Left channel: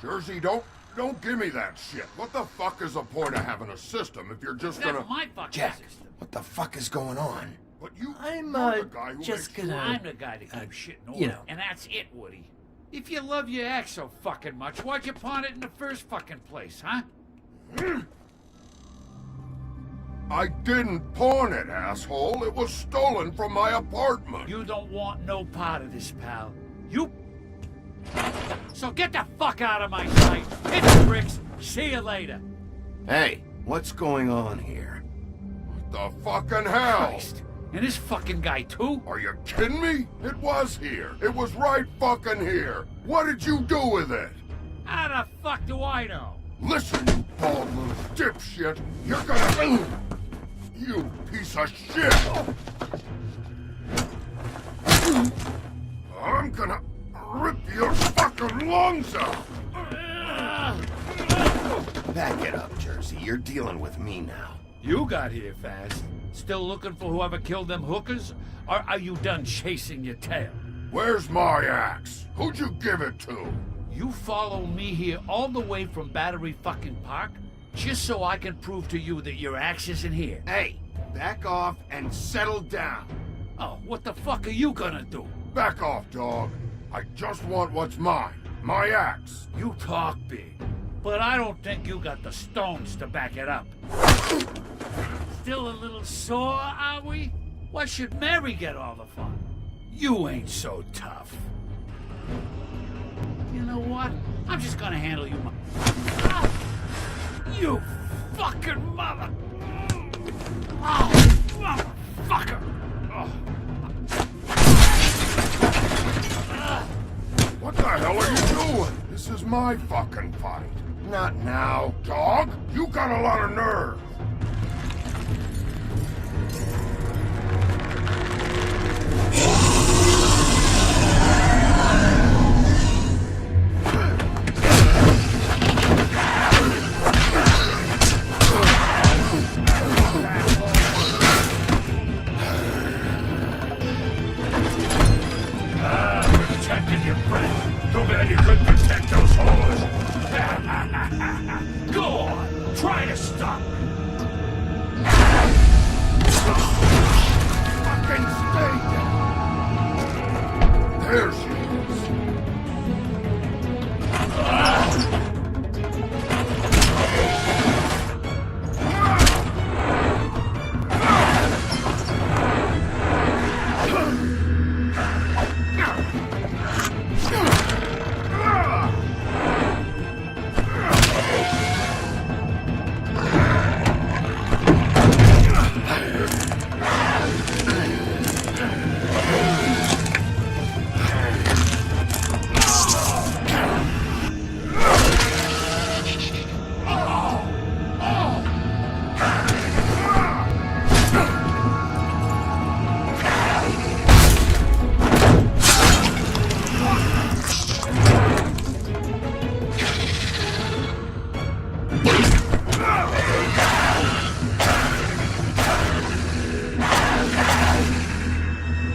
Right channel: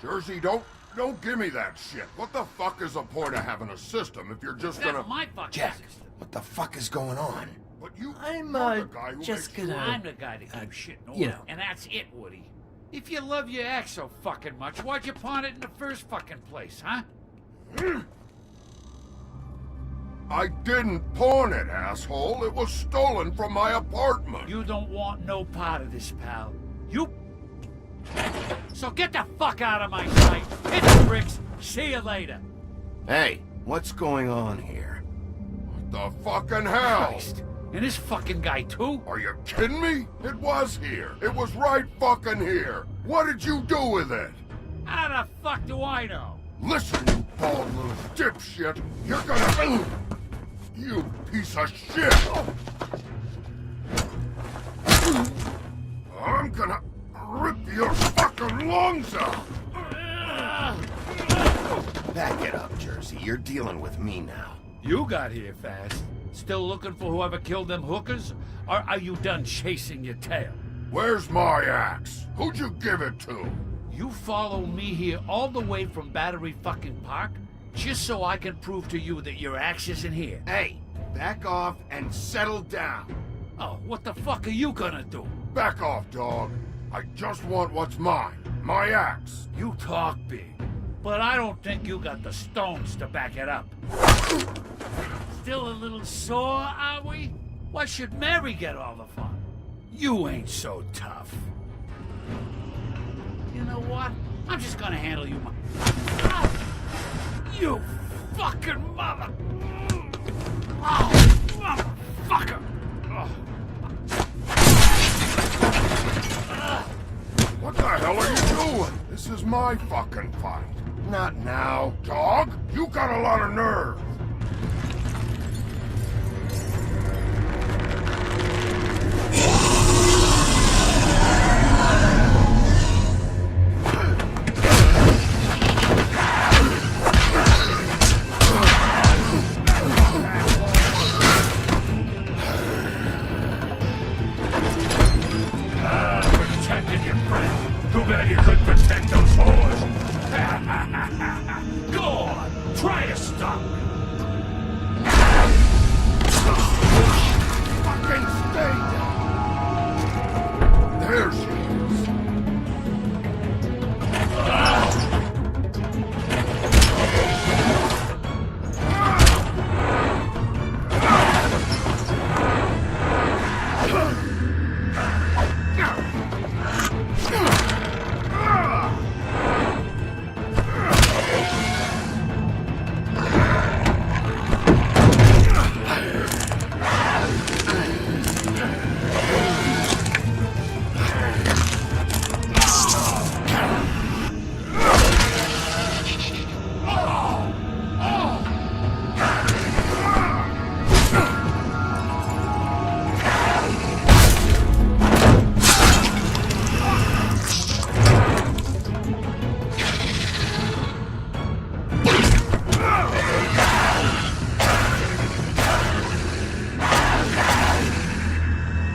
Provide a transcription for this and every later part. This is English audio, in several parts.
Jersey, don't give me that shit. What the fuck is the point of having a system if you're just gonna... That's my fucking Jack, system. what the fuck is going on? But you're I'm the guy who just makes gonna... I'm the guy that keeps shit in order, you know. and that's it, Woody. If you love your ex so fucking much, why'd you pawn it in the first fucking place, huh? I didn't pawn it, asshole. It was stolen from my apartment. You don't want no part of this, pal. You... So get the fuck out of my sight. Hit the bricks. See you later. Hey, what's going on here? What the fucking hell? Christ. And this fucking guy, too? Are you kidding me? It was here. It was right fucking here. What did you do with it? How the fuck do I know? Listen, you bald little dipshit. You're gonna... You piece of shit! I'm gonna rip your fucking lungs out! Back it up, Jersey. You're dealing with me now. You got here fast. Still looking for whoever killed them hookers? Or are you done chasing your tail? Where's my axe? Who'd you give it to? You follow me here all the way from Battery fucking Park? Just so I can prove to you that your axe isn't here. Hey, back off and settle down. Oh, what the fuck are you gonna do? Back off, dog. I just want what's mine. My axe. You talk big, but I don't think you got the stones to back it up. Still a little sore, are we? Why should Mary get all the fun? You ain't so tough. You know what? I'm just gonna handle you my... Ah! You fucking mother... Oh, motherfucker! Oh. What the hell are you doing? This is my fucking fight. Not now. Dog, you got a lot of nerve. Protected your friend. Too bad you couldn't protect those whores. Go on, try to stop me. Fucking stay down. There she is.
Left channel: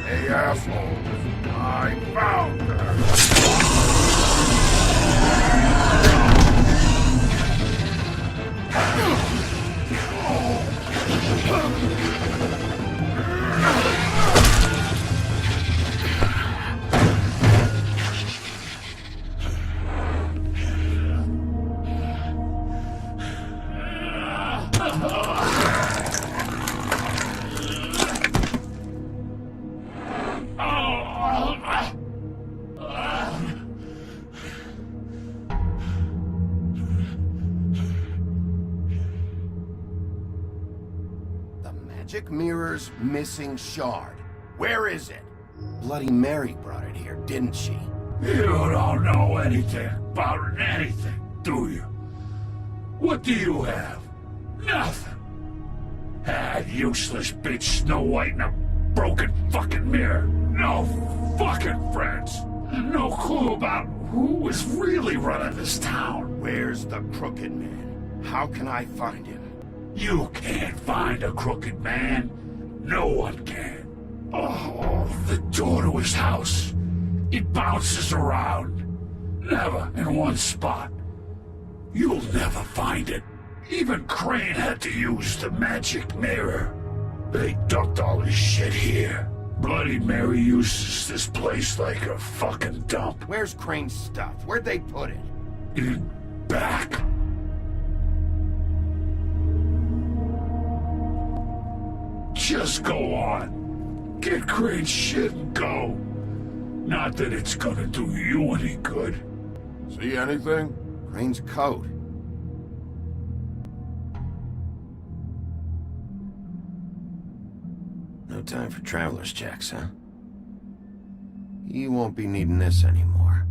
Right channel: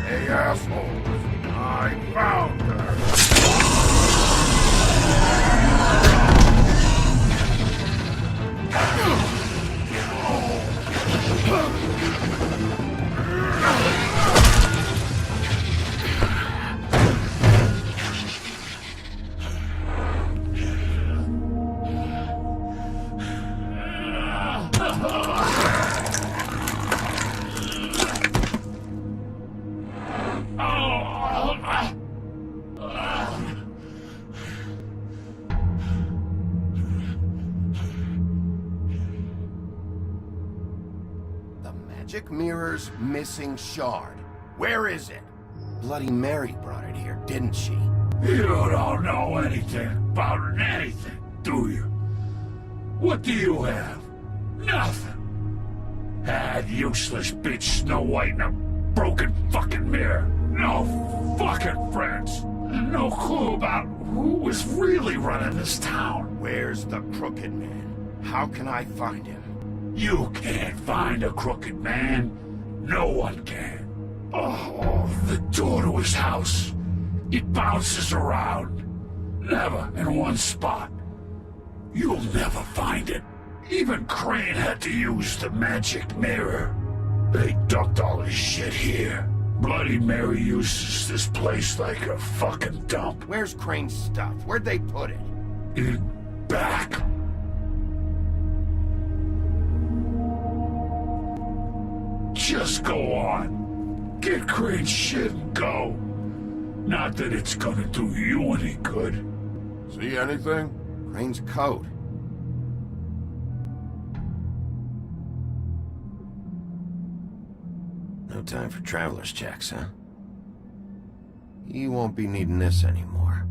Hey, assholes. I found her. The magic mirror's missing shard. Where is it? Bloody Mary brought it here, didn't she? You don't know anything about anything, do you? What do you have? Nothing. That useless bitch Snow White and a broken fucking mirror. No fucking friends. And no clue about who was really running this town. Where's the crooked man? How can I find him? You can't find a crooked man. No one can. Oh, the door to his house. It bounces around. Never in one spot. You'll never find it. Even Crane had to use the magic mirror. They dumped all his shit here. Bloody Mary uses this place like a fucking dump. Where's Crane's stuff? Where'd they put it? In back. Just go on. Get Crane's shit and go. Not that it's gonna do you any good. See anything? Crane's coat. No time for traveler's checks, huh? You won't be needing this anymore.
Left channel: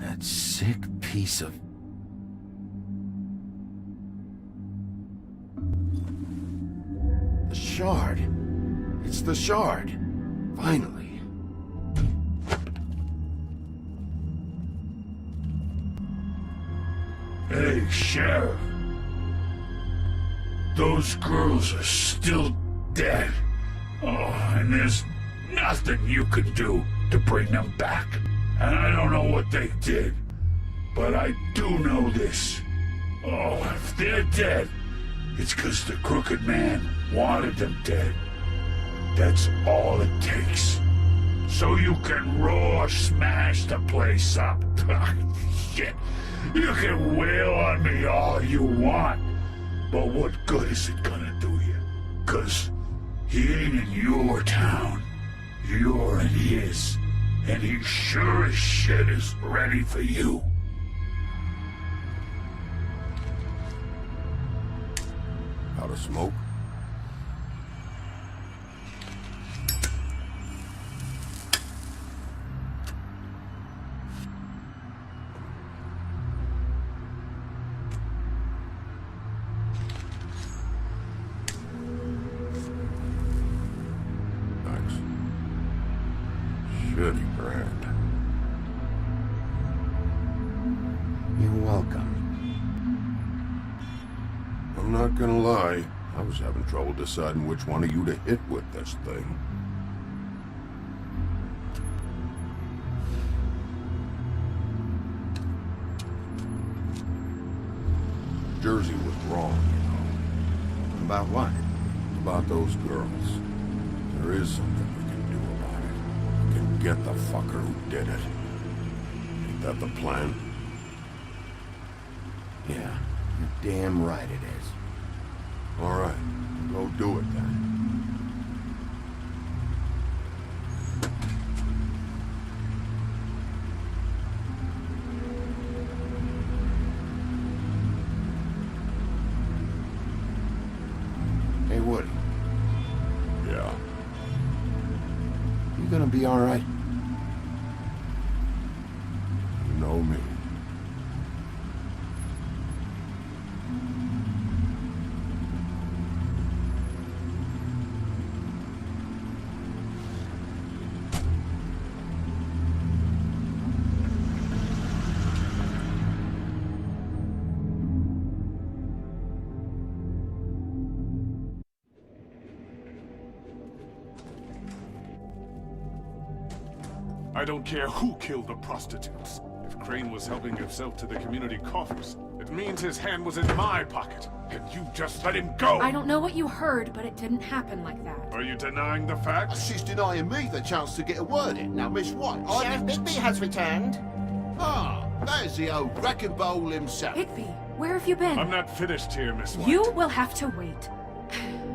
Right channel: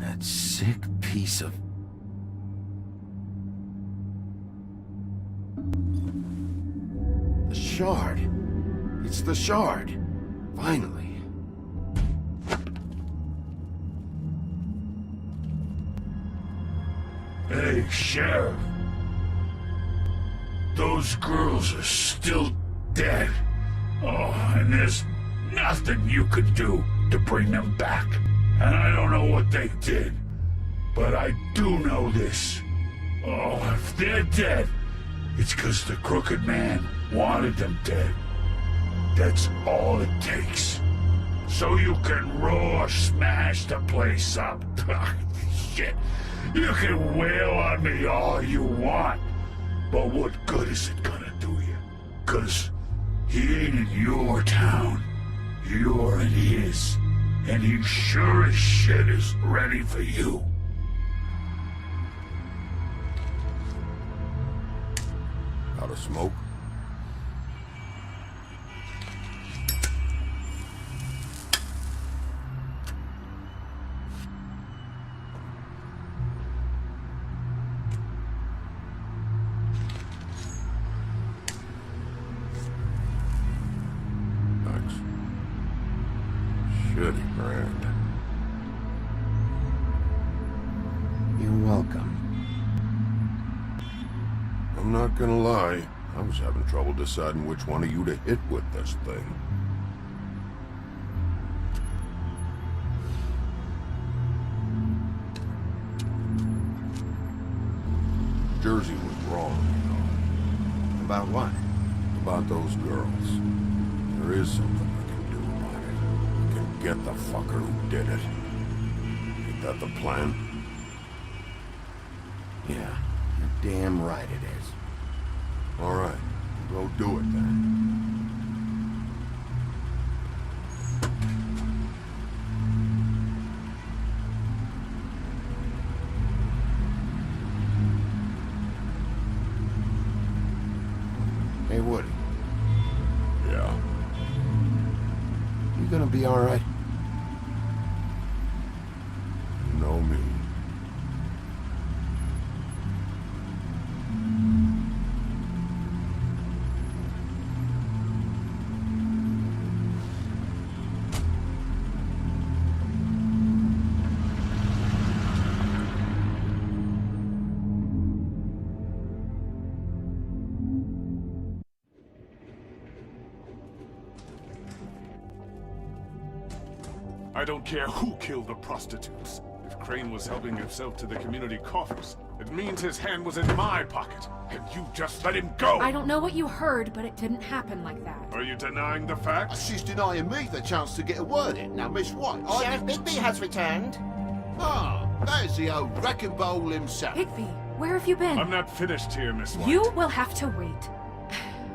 That sick piece of... The shard. It's the shard. Finally. Hey, Sheriff. Those girls are still dead. Oh, and there's nothing you could do to bring them back. And I don't know what they did, but I do know this. Oh, if they're dead, it's 'cause the crooked man wanted them dead. That's all it takes. So you can roar smash the place up. Shit. You can wail on me all you want, but what good is it gonna do you? 'Cause he ain't in your town. You're in his. And he sure as shit is ready for you. Out of smoke? Thanks. Shitty brand. You're welcome. I'm not gonna lie, I was having trouble deciding which one of you to hit with this thing. Jersey was wrong, you know. About what? About those girls. There is something we can do about it. We can get the fucker who did it. Ain't that the plan? Yeah, you're damn right it is. All right, go do it then. Hey, Woody, Yeah. you gonna be all right? You know me. I don't care who killed the prostitutes. If Crane was helping himself to the community coffers, it means his hand was in my pocket. And you just let him go! I don't know what you heard, but it didn't happen like that. Are you denying the facts? She's denying me the chance to get a word in. Now, Miss White, Sheriff Bigby has returned. Ah, there's the old wrecking bowl himself. Bigby, where have you been? I'm not finished here, Miss White. You will have to wait.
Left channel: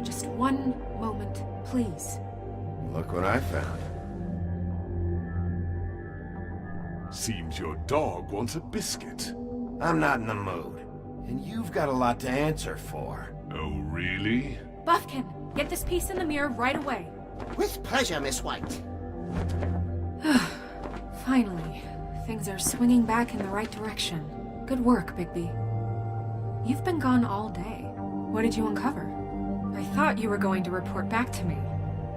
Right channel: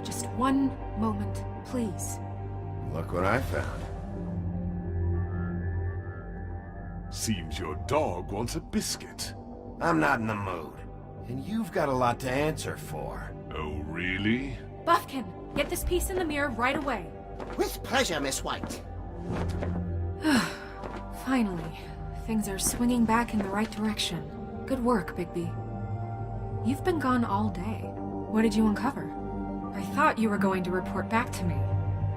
Just one moment, please. Look what I found. Seems your dog wants a biscuit. I'm not in the mood. And you've got a lot to answer for. Oh, really? Buffkin, get this piece in the mirror right away. With pleasure, Miss White. Finally, things are swinging back in the right direction. Good work, Bigby. You've been gone all day. What did you uncover? I thought you were going to report back to me.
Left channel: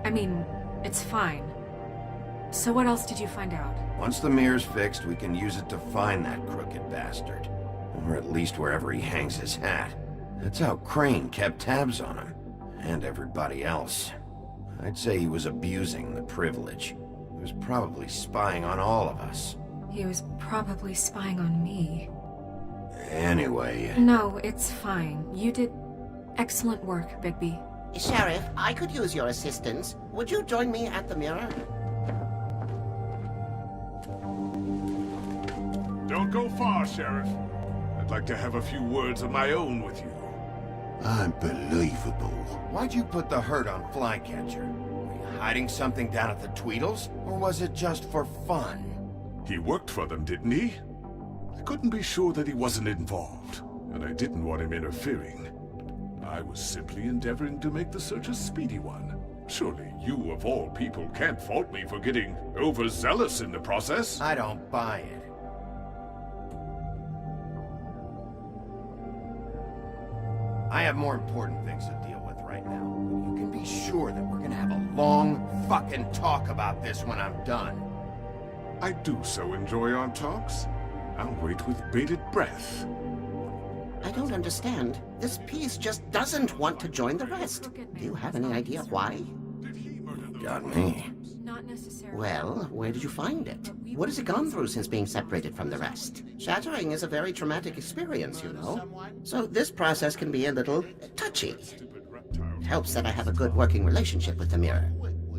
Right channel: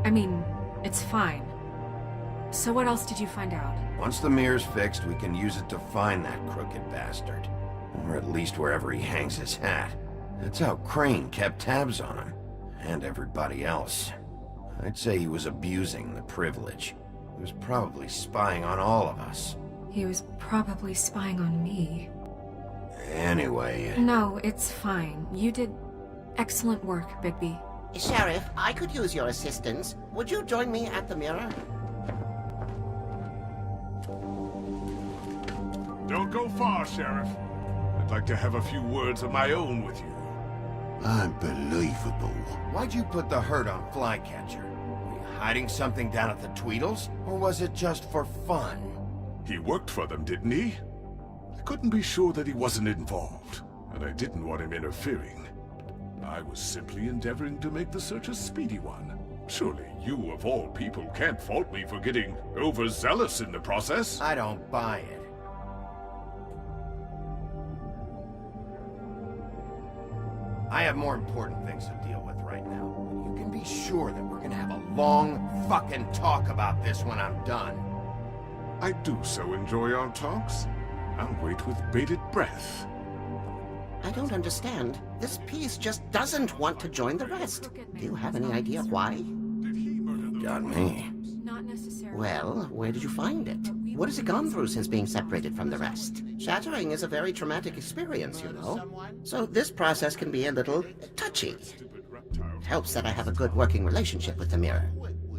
I mean, it's fine. So what else did you find out? Once the mirror's fixed, we can use it to find that crooked bastard. Or at least wherever he hangs his hat. That's how Crane kept tabs on him. And everybody else. I'd say he was abusing the privilege. He was probably spying on all of us. He was probably spying on me. Anyway... No, it's fine. You did excellent work, Bigby. Sheriff, I could use your assistance. Would you join me at the mirror? Don't go far, Sheriff. I'd like to have a few words of my own with you. Unbelievable. Why'd you put the hurt on Flycatcher? Were you hiding something down at the Tweedles? Or was it just for fun? He worked for them, didn't he? I couldn't be sure that he wasn't involved, and I didn't want him interfering. I was simply endeavoring to make the search a speedy one. Surely you, of all people, can't fault me for getting overzealous in the process. I don't buy it. I have more important things to deal with right now. But you can be sure that we're gonna have a long fucking talk about this when I'm done. I do so enjoy our talks. I'll wait with bated breath. I don't understand. This piece just doesn't want to join the rest. Do you have any idea why? Got me. Not necessarily. Well, where did you find it? What has it gone through since being separated from the rest? Shattering is a very traumatic experience, you know. So this process can be a little touchy. It helps that I have a good working relationship with the mirror.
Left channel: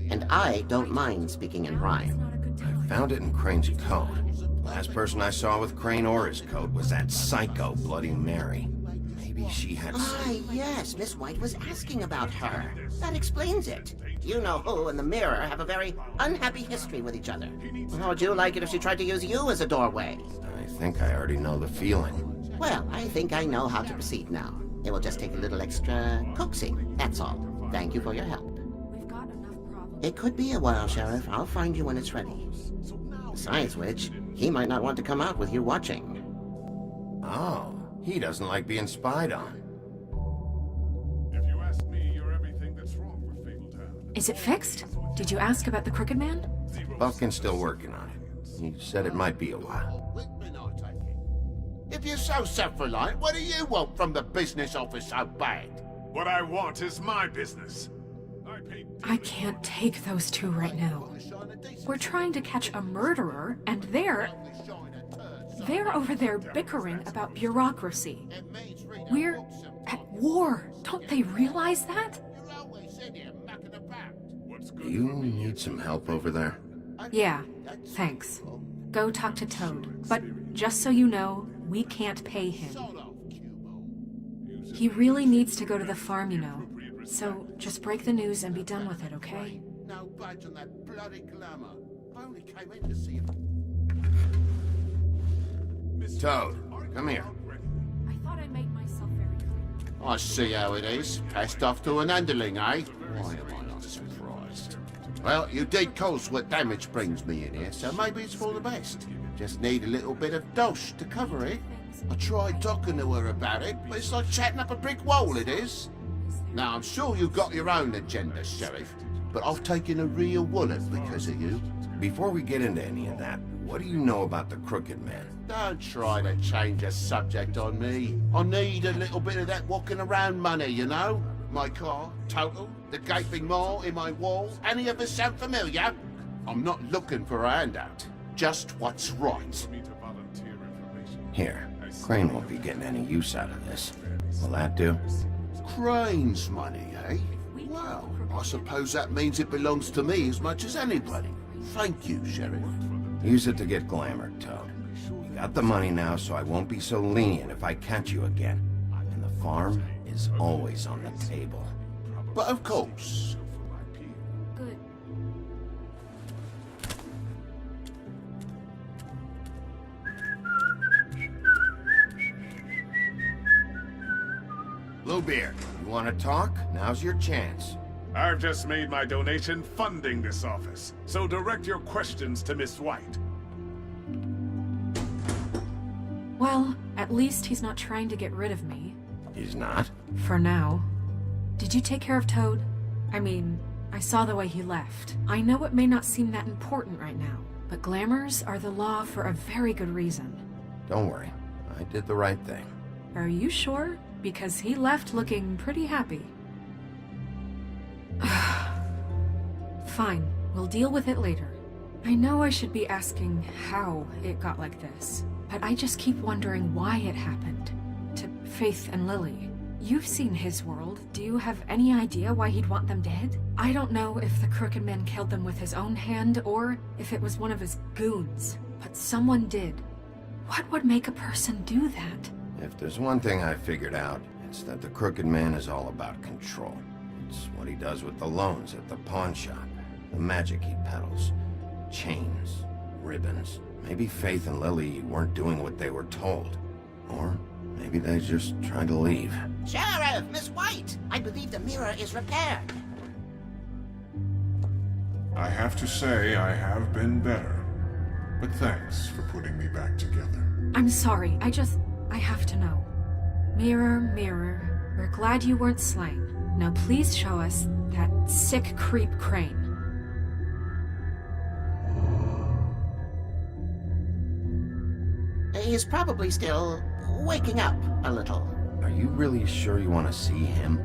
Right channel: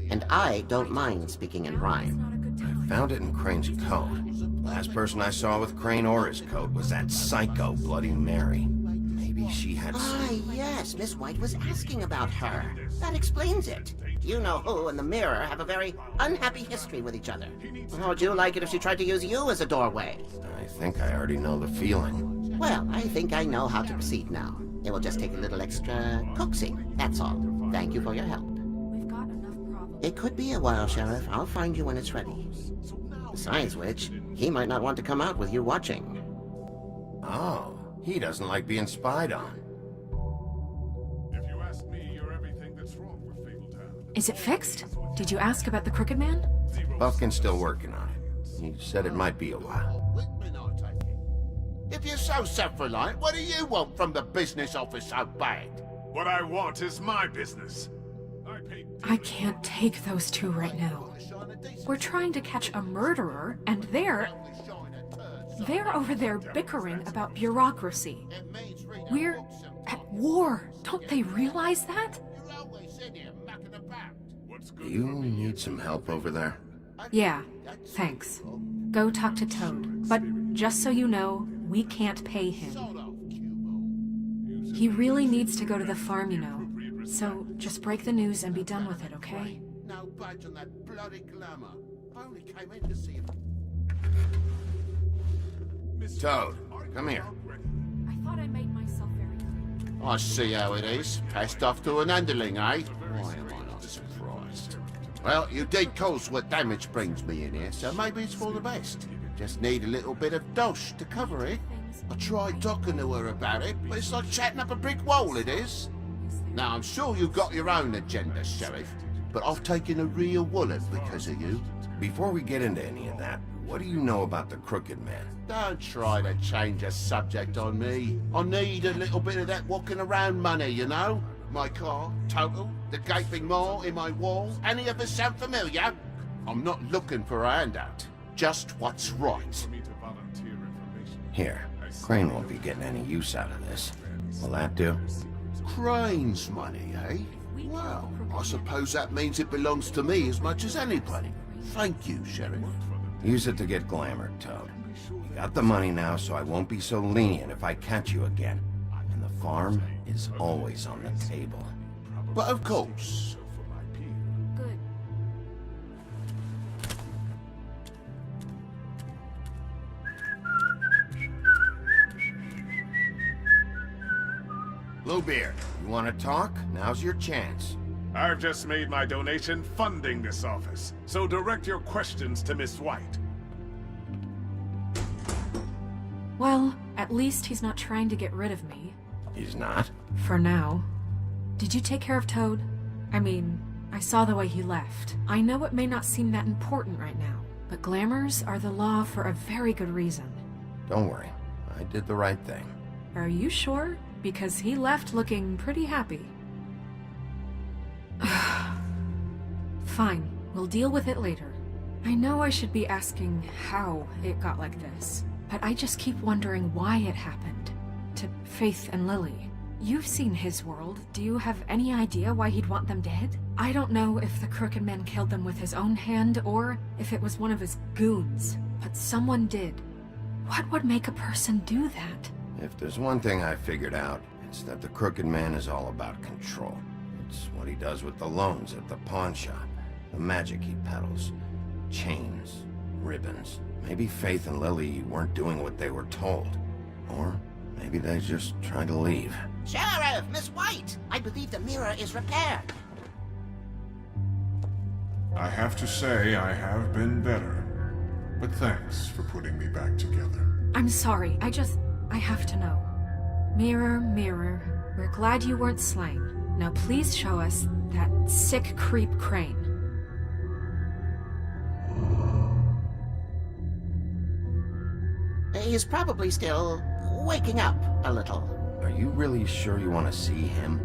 And I don't mind speaking in rhyme. I found it in Crane's coat. Last person I saw with Crane or his coat was that psycho Bloody Mary. Maybe she had Ah, yes, Miss White was asking about her. That explains it. You know who and the mirror have a very unhappy history with each other. How would you like it if she tried to use you as a doorway? I think I already know the feeling. Well, I think I know how to proceed now. It will just take a little extra coaxing, that's all. Thank you for your help. We've got enough problems. It could be a while, Sheriff. I'll find you when it's ready. Besides which, he might not want to come out with you watching. Oh, he doesn't like being spied on. If you ask me, you're everything that's wrong with Fabletown. Is it fixed? Did you ask about the Crooked Man? Buffkin's still working on it. He said it might be a while. Whitman, I take it. If you're so self-reliant, what do you want from the business office so bad? What I want is my business. I can't take those two right now. We're trying to catch a murderer, and they're over there bickering about bureaucracy. We're at war. Don't they realize that? Do you need some help over there? Yeah, thanks. Go talk to Toad. But just so you know, we can't pay him. He really needs to go to the farm, you know. So just break the news and be done with it, okay? No budge on that bloody glamour. I only came in to see him. Toad, come here. I thought I made myself very clear. I see how it is. Passed off to an underling, eh? Why am I not surprised? Well, you did cause what damage brings me in here, so maybe it's for the best. Just need a little bit of dosh to cover it. I tried talking to her about it, but it's like chatting up a brick wall, it is. Now, I'm sure you've got your own agenda, Sheriff, but I've taken a real wallet because of you. Before we get into any of that, what do you know about the Crooked Man? Don't try to change a subject on me. I need a little bit of that walking around money, you know? My car, total, the gaping maw in my wall. Any of us sound familiar? I'm not looking for a handout. Just what's right. Here, Crane won't be getting any use out of this. Will that do? Crane's money, eh? Well, I suppose that means it belongs to me as much as anybody. Thank you, Sheriff. Use it to get glamour, Toad. You got the money now, so I won't be so lenient if I catch you again. And the farm is always on the table. But of course. Good. Bluebeard, you want to talk? Now's your chance. I've just made my donation funding this office, so direct your questions to Miss White. Well, at least he's not trying to get rid of me. He's not? For now. Did you take care of Toad? I mean, I saw the way he left. I know it may not seem that important right now, but glamours are the law for a very good reason. Don't worry. I did the right thing. Are you sure? Because he left looking pretty happy. Fine, we'll deal with it later. I know I should be asking how it got like this, but I just keep wondering why it happened. To Faith and Lily. You've seen his world. Do you have any idea why he'd want them dead? I don't know if the Crooked Man killed them with his own hand or if it was one of his goons, but someone did. What would make a person do that? If there's one thing I figured out, it's that the Crooked Man is all about control. It's what he does with the loans at the pawn shop, the magic he peddles, chains, ribbons. Maybe Faith and Lily weren't doing what they were told. Or maybe they just tried to leave. Sheriff, Miss White! I believe the mirror is repaired. I have to say I have been better. But thanks for putting me back together. I'm sorry, I have to know. Mirror, mirror, we're glad you weren't slain. Now please show us that sick creep Crane. He's probably still waking up a little. Are you really sure you want to see him?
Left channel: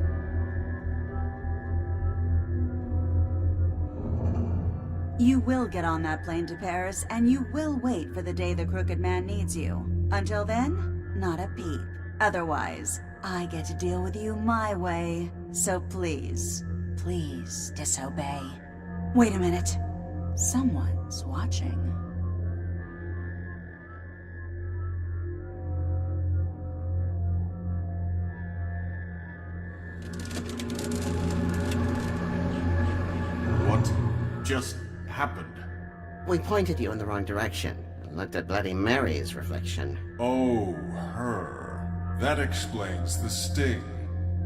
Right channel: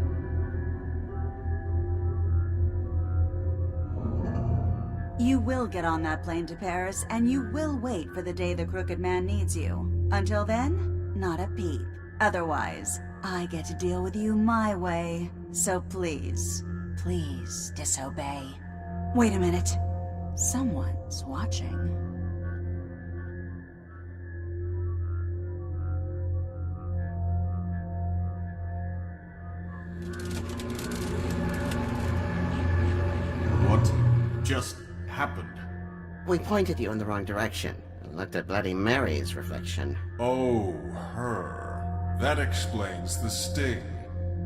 You will get on that plane to Paris, and you will wait for the day the Crooked Man needs you. Until then, not a peep. Otherwise, I get to deal with you my way. So please, please disobey. Wait a minute. Someone's watching. What just happened? We pointed you in the wrong direction and looked at Bloody Mary's reflection. Oh, her. That explains the sting.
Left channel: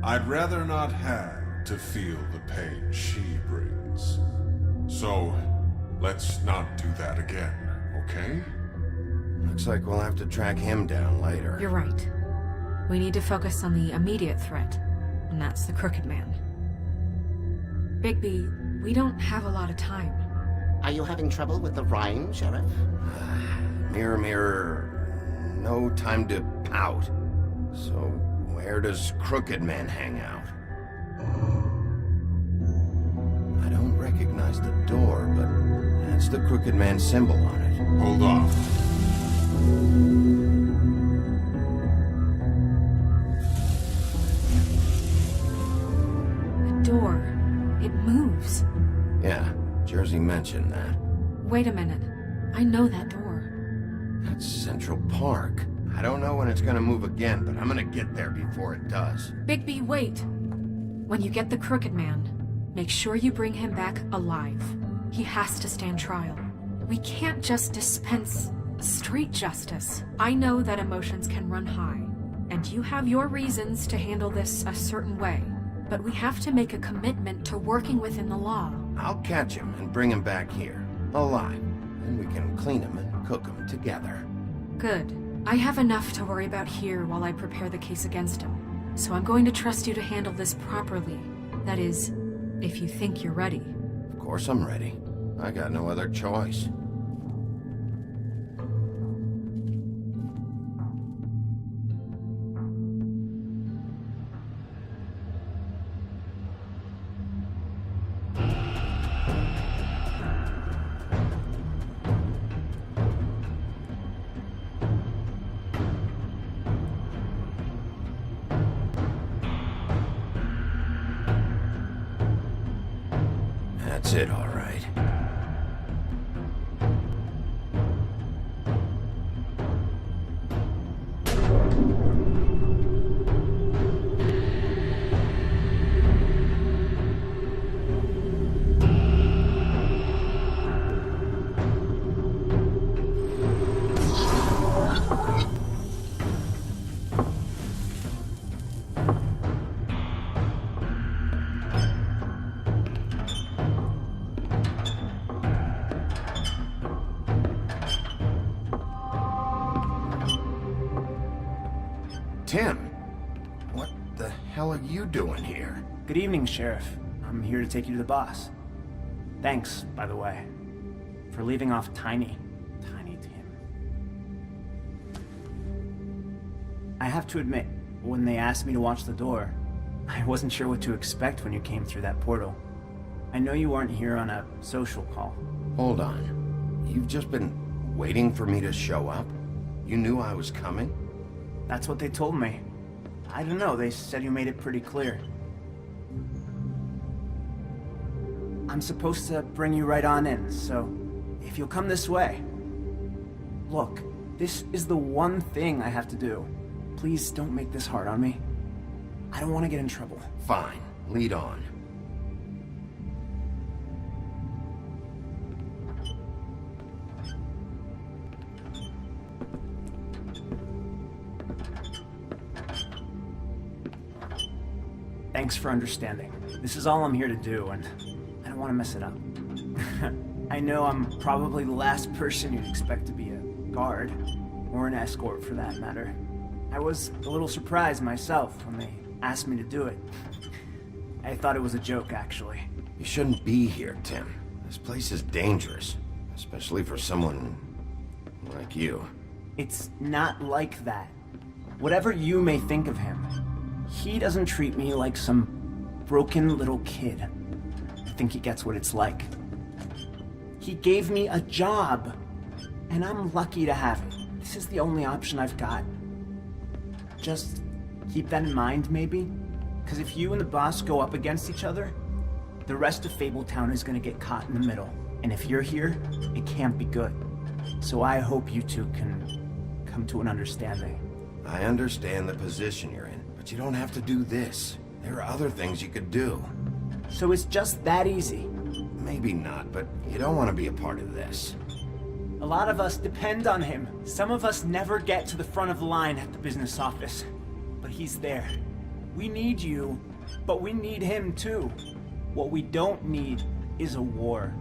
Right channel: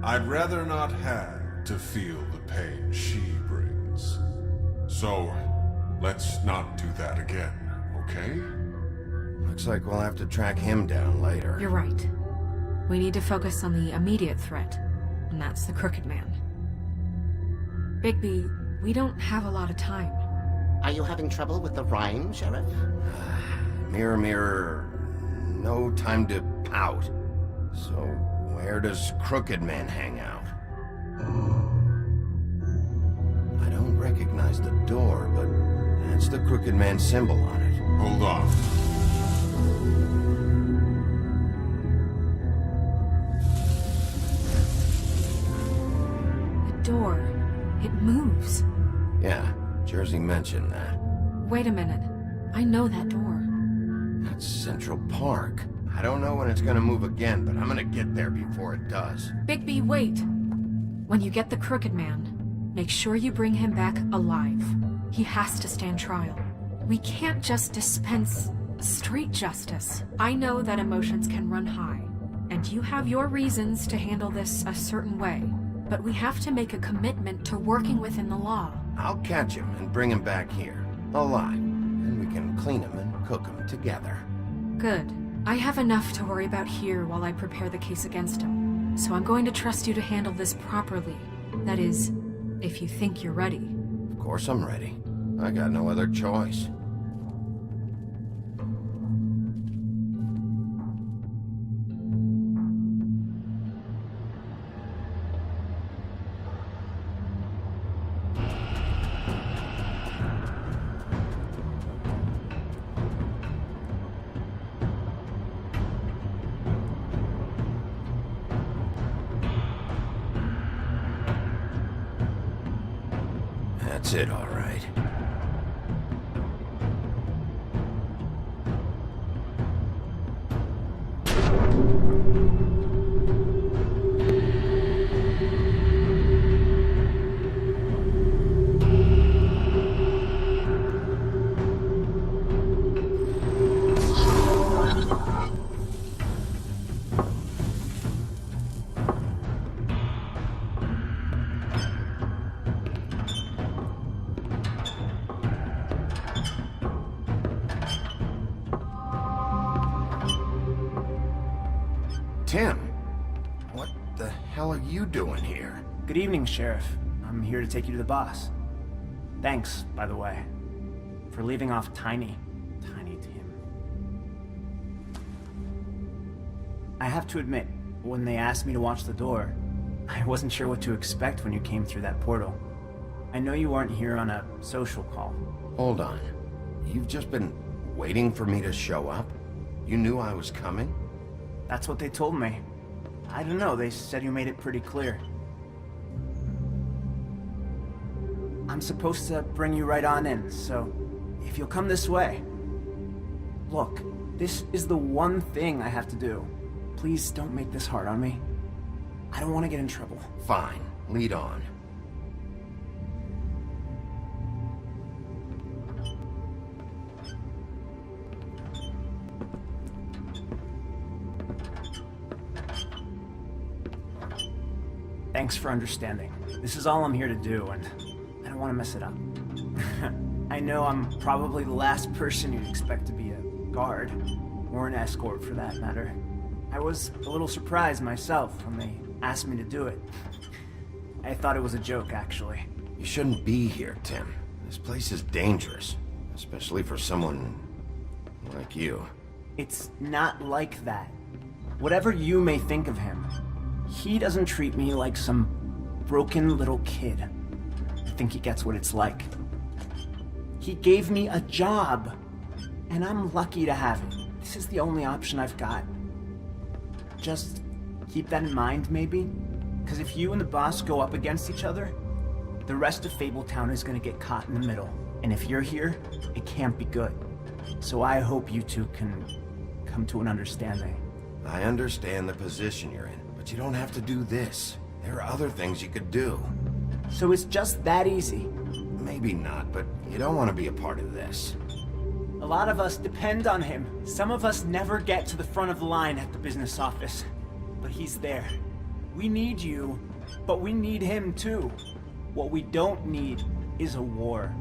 I'd rather not have to feel the pain she brings. So, let's not do that again, okay? Looks like we'll have to track him down later. You're right. We need to focus on the immediate threat, and that's the Crooked Man. Bigby, we don't have a lot of time. Are you having trouble with the rhyme, Sheriff? Mirror, mirror, no time to pout. So, where does Crooked Man hang out? I don't recognize the door, but that's the Crooked Man symbol on it. Hold on. The door. It moves. Yeah, Jersey mentioned that. Wait a minute. I know that door. That's Central Park. I don't know when it's gonna move again, but I'm gonna get there before it does. Bigby, wait! When you get the Crooked Man, make sure you bring him back alive. He has to stand trial. We can't just dispense street justice. I know that emotions can run high, and you have your reasons to handle this a certain way, but we have to make a commitment to working within the law. I'll catch him and bring him back here, alive, and we can clean him and cook him together. Good. I have enough to worry about here while I prepare the case against him, so I'm going to trust you to handle this properly. That is, if you think you're ready. Of course I'm ready. I got no other choice. That's it, all right. Tim, what the hell are you doing here? Good evening, Sheriff. I'm here to take you to the boss. Thanks, by the way, for leaving off Tiny Tim. I have to admit, when they asked me to watch the door, I wasn't sure what to expect when you came through that portal. I know you aren't here on a social call. Hold on. You've just been waiting for me to show up? You knew I was coming? That's what they told me. I don't know, they said you made it pretty clear. I'm supposed to bring you right on in, so if you'll come this way. Look, this is the one thing I have to do. Please don't make this hard on me. I don't want to get in trouble. Fine, lead on. Thanks for understanding. This is all I'm here to do, and I don't want to mess it up. I know I'm probably the last person you'd expect to be a guard, or an escort for that matter. I was a little surprised myself when they asked me to do it. I thought it was a joke, actually. You shouldn't be here, Tim. This place is dangerous, especially for someone like you. It's not like that. Whatever you may think of him, he doesn't treat me like some broken little kid. I think he gets what it's like. He gave me a job, and I'm lucky to have it. This is the only option I've got. Just keep that in mind, maybe? Because if you and the boss go up against each other, the rest of Fabletown is gonna get caught in the middle. And if you're here, it can't be good. So I hope you two can come to an understanding. I understand the position you're in, but you don't have to do this. There are other things you could do. So it's just that easy. Maybe not, but you don't want to be a part of this. A lot of us depend on him. Some of us never get to the front of the line at the business office. But he's there. We need you, but we need him too. What we don't need is a war.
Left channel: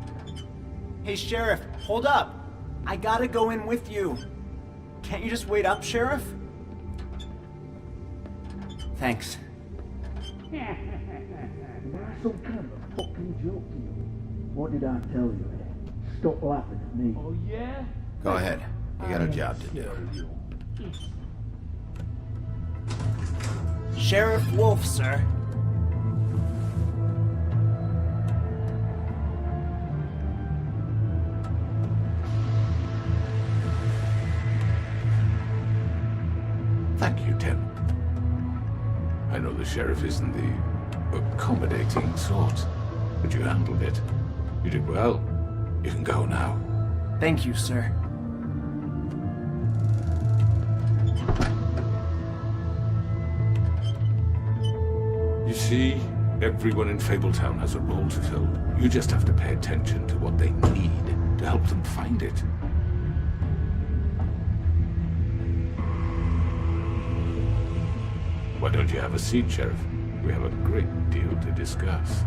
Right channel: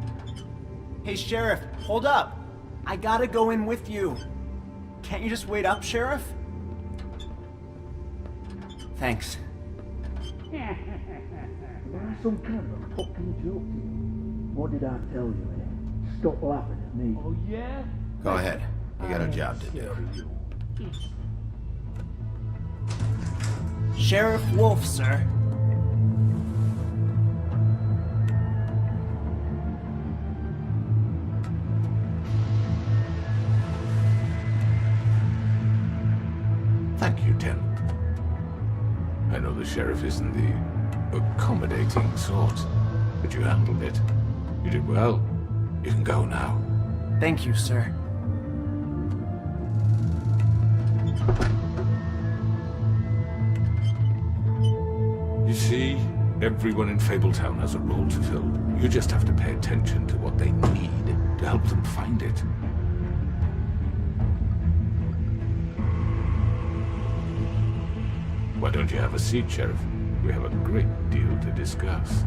Hey, Sheriff, hold up. I gotta go in with you. Can't you just wait up, Sheriff? Thanks. Am I some kind of a fucking joke to you? What did I tell you, eh? Stop laughing at me. Oh, yeah? Go ahead. You got a job to do. Sheriff Wolf, sir. Thank you, Tim. I know the sheriff isn't the accommodating sort, but you handled it. You did well. You can go now. Thank you, sir. You see, everyone in Fabletown has a role to fill. You just have to pay attention to what they need to help them find it. Why don't you have a seat, Sheriff? We have a great deal to discuss.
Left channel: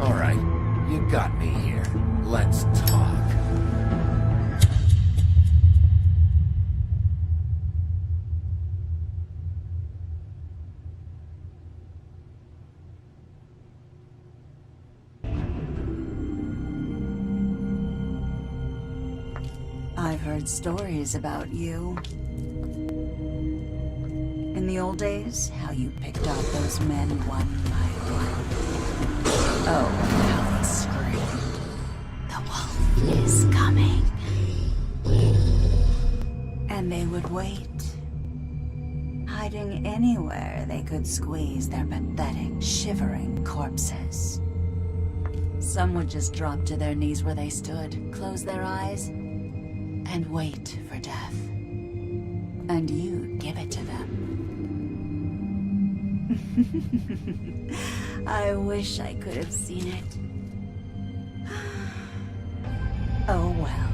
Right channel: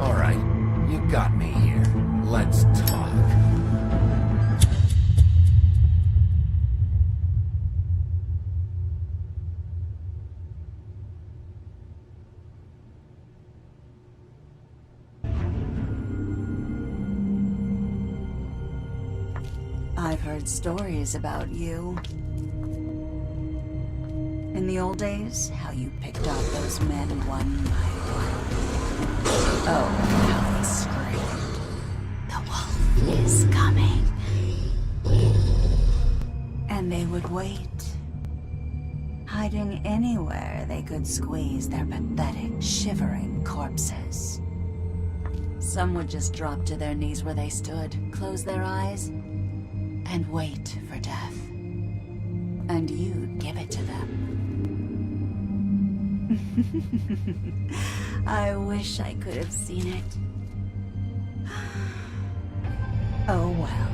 All right, you got me here. Let's talk. I've heard stories about you. In the old days, how you picked off those men one by one. Oh, how they screamed. The wolf is coming. And they would wait, hiding anywhere they could squeeze their pathetic, shivering corpses. Some would just drop to their knees where they stood, close their eyes, and wait for death. And you'd give it to them. I wish I could have seen it. Oh well.